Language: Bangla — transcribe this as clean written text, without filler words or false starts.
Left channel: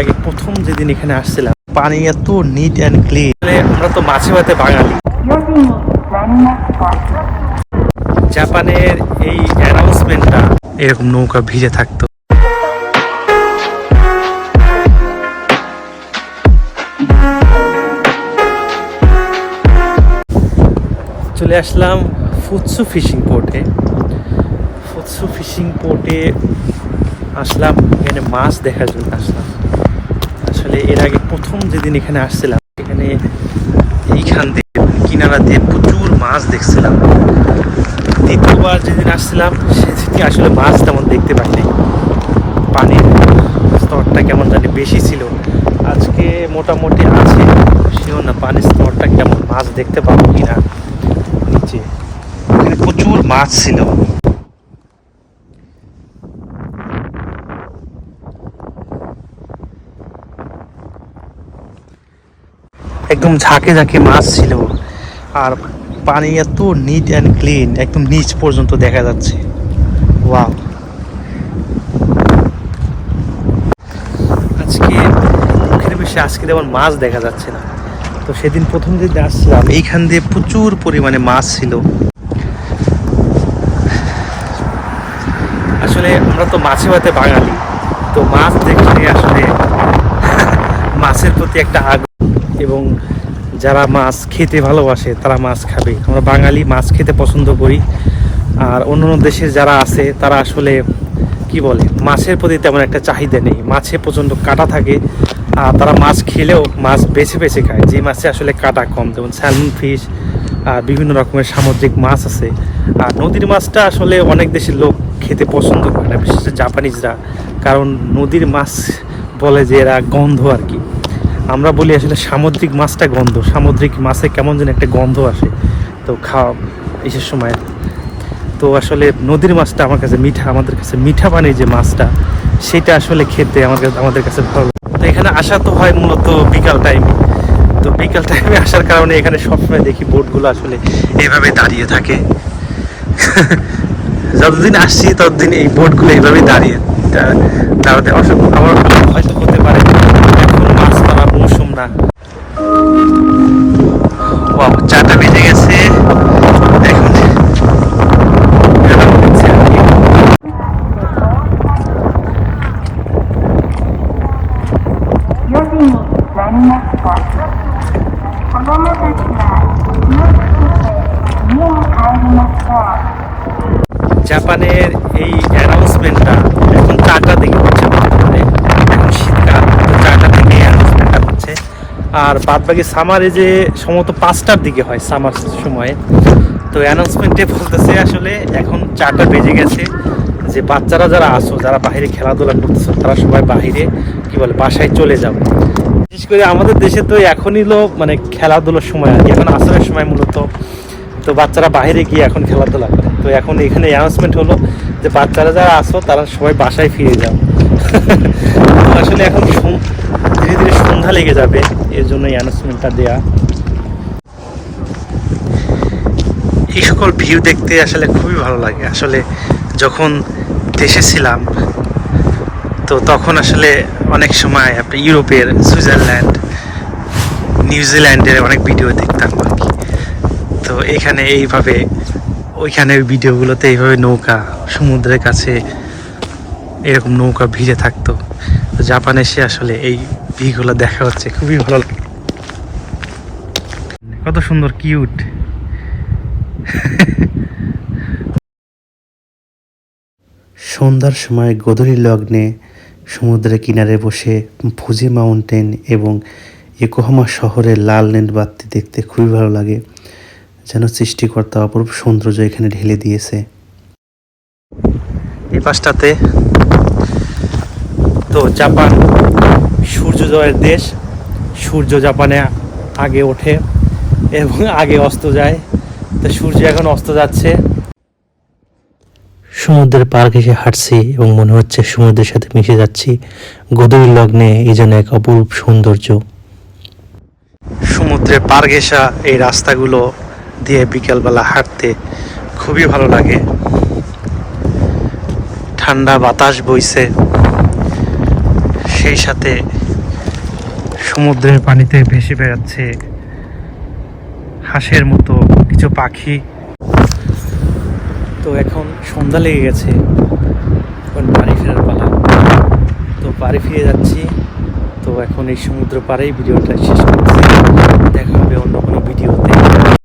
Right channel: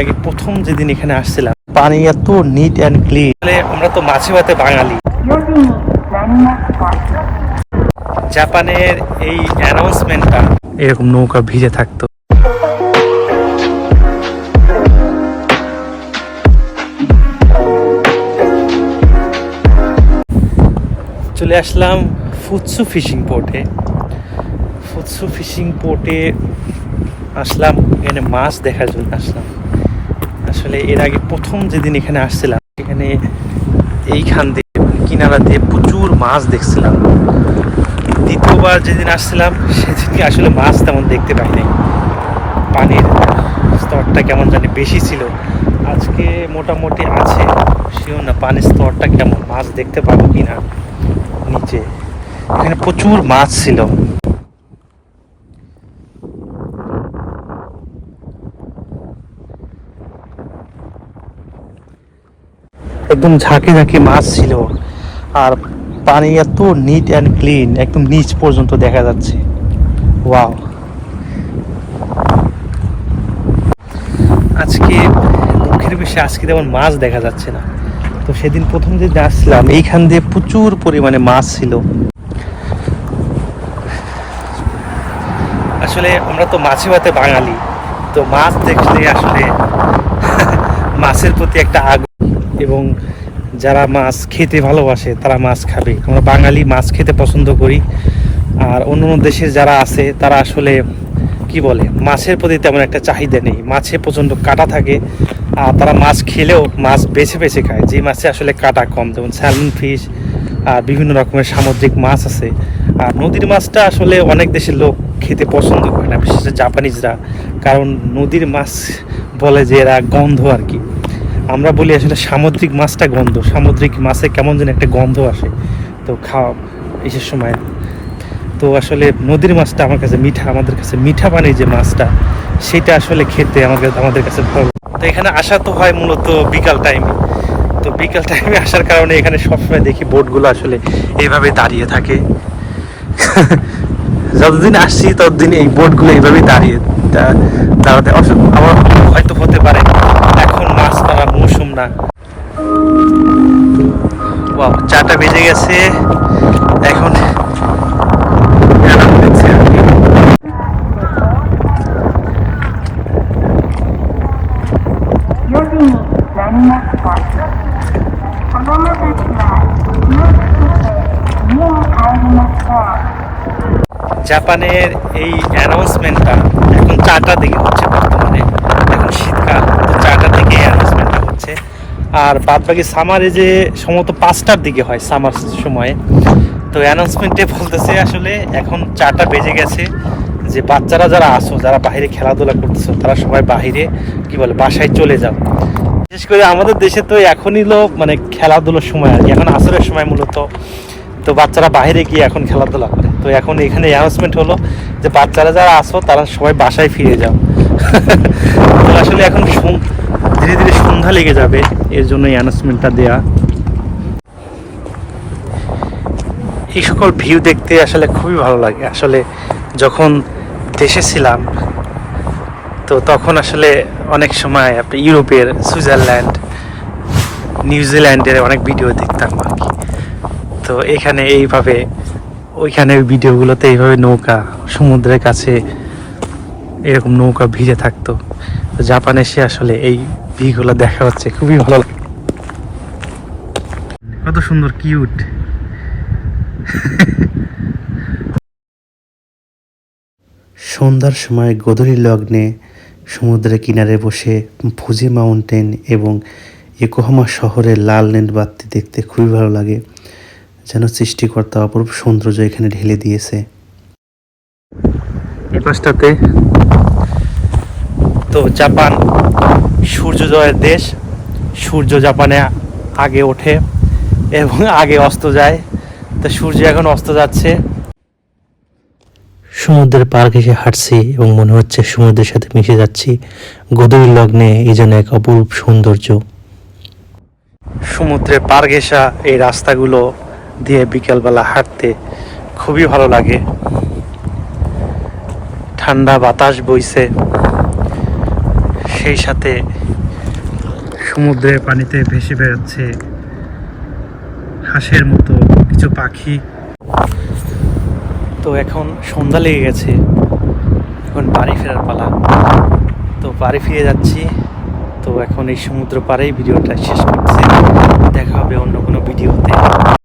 আগে প্রথম যেদিন এখানে আসছিলাম, পানি এত নিট অ্যান্ড ক্লিন। আমরা তো মাছে ভাতে বাঙালি। জাপানের এই অ্যানাউন্সমেন্টটা এরকম নৌকা ভিজে থাকতো। চলে আসলাম ফুৎসু ফিশিং পোর্টে। ফুৎসু ফিশিং পোর্টে আসলাম, এখানে মাছ দেখার জন্য আসলাম। আসলে এর আগে প্রথম যেদিন এখানে আসছিলাম, এখানে এইখান দিয়ে কিনারা দিয়ে প্রচুর মাছ দেখছিলাম। দ্বিতীয়বার যেদিন আসছিলাম সেদিনকে আসলে মাছ তেমন দেখতে পাই নাই, পানির স্তরটা কেমন জানি বেশি ছিল। আজকে মোটামুটি আছে, শিওর না পানির স্তরটা কেমন, মাছ দেখতে পাবো কিনা নিচে। এখানে প্রচুর মাছ ছিল। একদম ঝাঁকে ঝাঁকে মাছ ছিল, আর পানি এত নিট অ্যান্ড ক্লিন, একদম নিচ পর্যন্ত দেখা যাচ্ছে। ওয়াও! আজকে মুখের বিষয়ে আজকে তেমন মাছ দেখা যাচ্ছে না। তো সেদিন প্রথম যেদিন আসছিলাম এইখান দিয়ে প্রচুর পরিমাণে মাছ ছিল। আসলে আমরা তো মাছে ভাতে বাঙালি, তো মাছ দেখলে আসলে মাছের প্রতি একটা আগ্রহ, এবং যারা মাছ খেতে ভালোবাসে তারা মাছ খাবে। আমরা বাঙালি মাছ খেতে পছন্দ করি, আর অন্যান্য দেশের যারা আছে তারা আসলে কি বলে, মাছের প্রতি তেমন একটা চাহিদা নেই। মাছে প্রচণ্ড কাঁটা থাকে, আর তারা মাছ খেলেও মাছ বেছে বেছে খায় যে মাছে আসলে কাঁটা কম, যেমন স্যালমন ফিশ আর বিভিন্ন রকমের সামুদ্রিক মাছ আছে। আর নদীর মাছটা আসলে অনেক দেশের লোক খেতে পছন্দ করে না, বিশেষ করে জাপানিজরা, কারণ নদীর মাছ বলে যে এরা গন্ধ আর কি। আমরা বলি আসলে সামুদ্রিক মাছটা গন্ধ, সামুদ্রিক মাছে কেমন যেন একটা গন্ধ আসে তো খাওয়া এসের সময়। তো আসলে নদীর মাছটা আমার কাছে মিঠা, আমাদের কাছে মিঠা পানির যে মাছটা সেটা আসলে খেতে আমাদের কাছে ভালো লাগে। তো এখানে আসা তো হয় মূলত বিকাল টাইমে। তো বিকাল টাইমে আসার কারণে এখানে সবসময় দেখি বোটগুলো আসলে এইভাবে দাঁড়িয়ে থাকে। যতদিন আসছি ততদিন এই বোটগুলো এইভাবেই দাঁড়াতে আমার হয়তো হতে পারে এখন মাছ ধরার মৌসুম না। বাহ, 4টা বেজে গেছে এখন। জাপানের এই অ্যানাউন্সমেন্টটা এখন 4টার দিকে হচ্ছে বর্তমানে, এখন শীতকাল, 4টা থেকে অ্যানাউন্সমেন্টটা হচ্ছে। আর বাদবাকি সামারে যে সম্ভবত 5টার দিকে হয় সামার সময়ে। তো অ্যানাউন্সমেন্টে বলতেছে আসলে এখন 4টা বেজে গেছে, যে বাচ্চারা যারা আসো, যারা বাইরে খেলাধুলা করতেছো, তারা সবাই বাইরে কি বলে বাসায় চলে যাও। বিশেষ করে আমাদের দেশে তো এখনই হলো মানে খেলাধুলার সময় আর কি, এখন আসরের সময় মূলত। তো বাচ্চারা বাইরে গিয়ে এখন খেলাধুলা করে। তো এখন এখানে অ্যানাউন্সমেন্ট হলো যে বাচ্চারা যারা আসো তারা সবাই বাসায় ফিরে যাও। তো আসলে এখন ধীরে ধীরে সন্ধ্যা লেগে যাবে, এর জন্য অ্যানাউন্সমেন্টটা দেয়া। এই সকল ভিউ দেখতে আসলে খুবই ভালো লাগে। আসলে যখন দেশে ছিলাম তো তখন আসলে অনেক সময় আপনি ইউরোপের, সুইজারল্যান্ড, নিউজিল্যান্ডের অনেক ভিডিও দেখতাম আর কি। তো এখানে এইভাবে ওইখানে ভিডিওগুলোতে এইভাবে নৌকা সমুদ্রের কাছে এরকম নৌকা ভিজে থাকতো। তো জাপানে এসে আসলে এই ভিউগুলো দেখা হচ্ছে, খুবই ভালো লাগে। কত সুন্দর, কিউট। সন্ধ্যার সময় গোধূলি লগ্নে সমুদ্রের কিনারে বসে ফুজি মাউন্টেন এবং ইয়োকোহামা শহরের লাল নীল বাতি দেখতে খুবই ভালো লাগে, যেন সৃষ্টিকর্তা অপরূপ সৌন্দর্য এখানে ঢেলে দিয়েছে। এই পাশটাতে তো জাপান সূর্যোদয়ের দেশ, সূর্য জাপানে আগে ওঠে এবং আগে অস্ত যায়। তো সূর্য এখন অস্ত যাচ্ছে। সমুদ্রের পার ঘেঁষে হাঁটছি এবং মনে হচ্ছে সমুদ্রের সাথে মিশে যাচ্ছি। গোধূলি লগ্নে এই যেন এক অপরূপ সৌন্দর্য। সমুদ্রের পার ঘেঁষা এই রাস্তাগুলো দিয়ে বিকেলবেলা হাঁটতে খুবই ভালো লাগে। ঠান্ডা বাতাস বইছে, সেই সাথে সমুদ্রের পানিতে ভেসে বেড়াচ্ছে হাঁসের মতো কিছু পাখি। তো এখন সন্ধ্যা লেগে গেছে, এখন বাড়ি ফেরার পালা। তো বাড়ি ফিরে যাচ্ছি। তো এখন এই সমুদ্র পাড়েই ভিডিওটা শেষ করছি। দেখা হবে অন্য কোনো ভিডিওতে।